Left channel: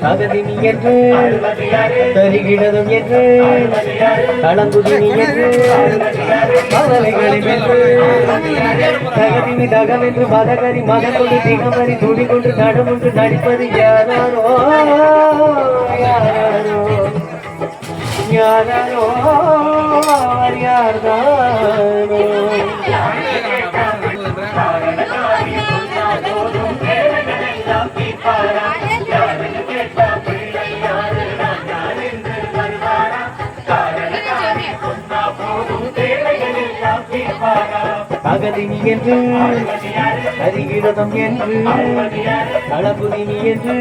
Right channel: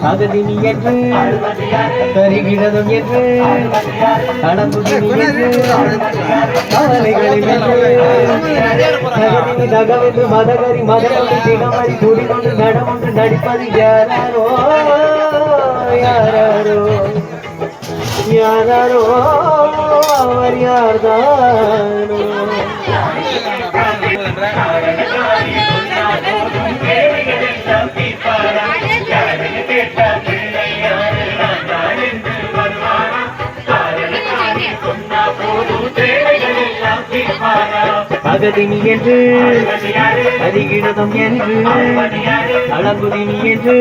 தகுதினி என்று தருகிறதும் என்று தகவென்று மதகரி மதகரி தினமரி துடிகொண்டு நடமொன்று நடிப்பது யாரோ யாரோ யாரோ அவர் யார்தானோ அகதினி என்று அதிகிடதம் என்று அளபுதினி என்று